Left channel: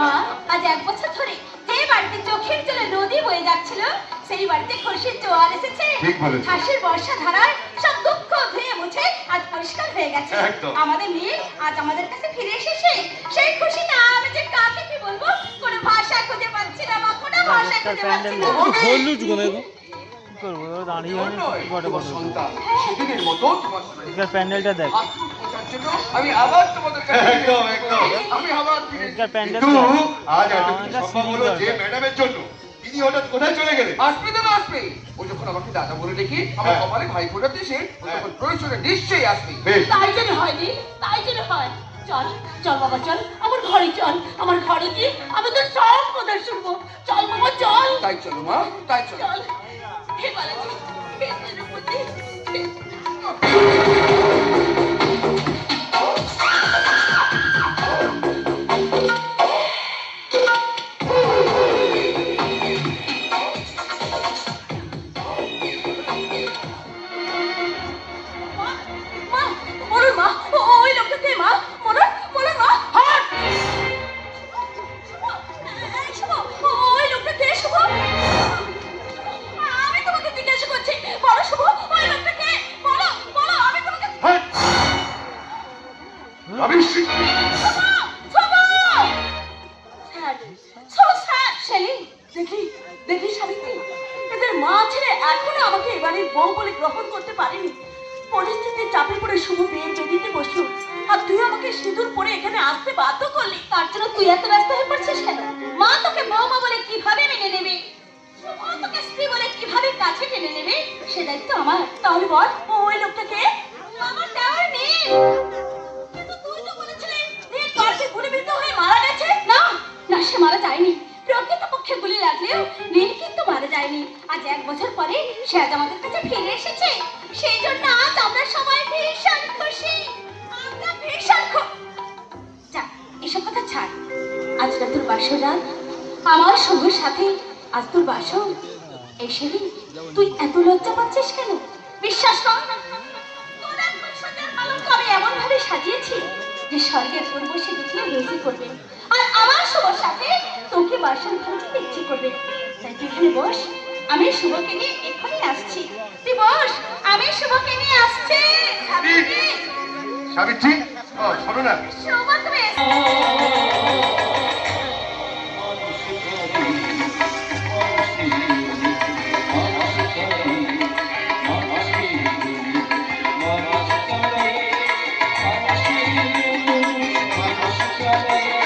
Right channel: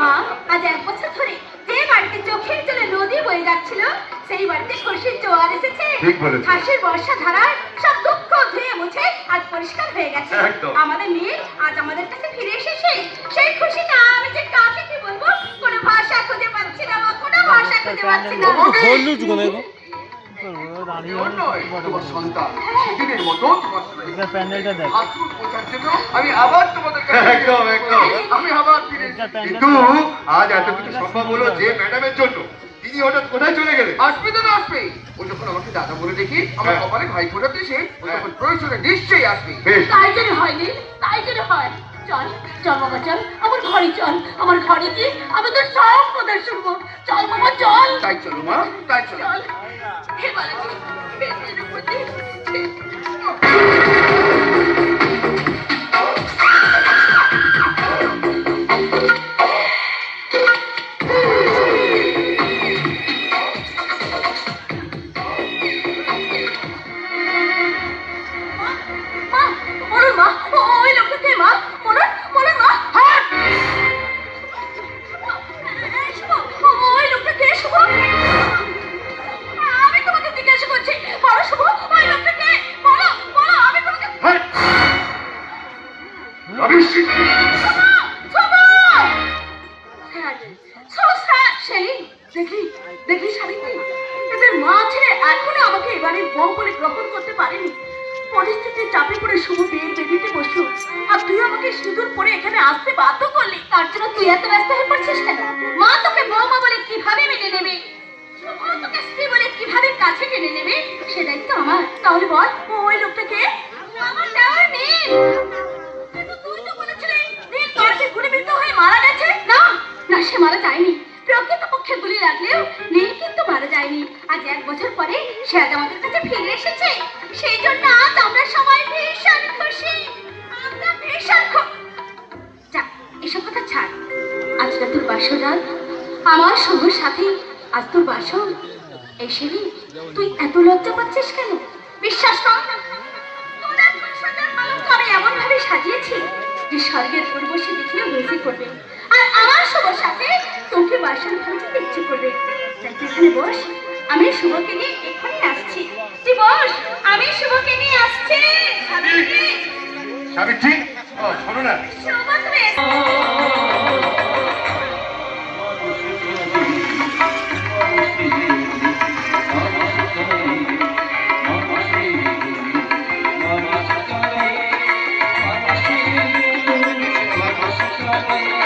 মা আজ 1 বছর ধরে যে বাড়িতে চোখের জলে নদী বয়ে যাচ্ছিল সেই বাড়িতে খুশির জোয়ার এসেছে। হাসির বর্ষা ধারায় সব দুঃখ ধুয়ে মুছে আজ পরিষ্কার হয়ে গেছে। আমাদের নীল আজ আমাদের কাছে ফিরে এসেছে। সেই খুশিটা আমি যে কাকে কি বলবো কোনো ভাষা খুঁজে পাচ্ছি না, কোনো ভাষা খুঁজে পাচ্ছি না। বললু জুগনে গো প্যান্ডেলটা দেখ। আমি আবার তোমাদের কাছে একদম একদম আমি আবার কিন্তু আজ এত কিছু সম্ভব হলো যে ম্যাডামের জন্য। তিনি হঠাৎ কোথায় চলে গেলেন? আসবে তো না আসবে, ও যখন আমাকে দাদা বলে দেখি আমার কপালে ভাই ফোটা দিয়েছে, ও তখন প্রয়োজনে নিশ্চয়ই আসবে। তাই যদি হয়নি, তাই যদি হয় চল চল বাবা চল আমার ঘরে চল, আমার ঘরে গিয়ে আমাদের সব কথা শুনবো। চল বাবা চল। তাই চলো মা, তাই চলো। চল হে বালাজি বেদের প্রতি দেখি সাবিত্রী, এদের মা ছেলে এখনো আমাকে এবারের বউ বলে গ্রহণ করতে পারেনি। পরিস্থিতির চাপে পড়ে শুভ বিয়ে বেদিতে বসলো, আর তুই আমাকে সিঁদুর পরে এখানে আসতে বাধ্য করলি। তার জন্য তুই এত ব্যস্ত হয়ে পড়ছিস কেন? মা তোকে বৌমা বলে কিভাবে মেনে নেবে, তোকে স্ত্রী বলে কিভাবে কাছে টেনে নেবে, সে দায়িত্ব আমার। তাহলে বল ওই লোকটাকে আমার দেওয়ার নেই। তুই তো বলেছিলি নীল পার্কে গুলিবিদ্ধ হয়ে মারা গেছে। না না, সে মারা যায়নি। প্রকৃতপক্ষে গুলি লাগলেও নীল কিন্তু মারা যায়নি। আজ 1 বছর পরে সে আজ আমাদের কাছে ফিরে এসেছে। সেই জন্য আজ আমরা সবাই ভীষণ খুশি। আমরা ভীষণ যা এসব কথা ছাড়। আজ তোর বাসর রাত, আমার সঙ্গের সাথে আজ তোর বাসর। এসে তুই এত লজ্জা পাচ্ছিস কেন? বিশ্বাস কর আমি এমন ভাবে সাজিয়েছি যে স্বর্গের পূর্বশে দেখলেও বেশি করবে, আর আমার শুভর সাথে তোকে বাসন ভাঙতে ইচ্ছে করবে। তাই তুই এখানে বস, আমি শুভকে নিয়ে এখানে আসছি। তুই বস, আমি শুভকে নিয়ে আসছি। সাবিত্রী, ও শোনো না, শুভ তুমি Thank you.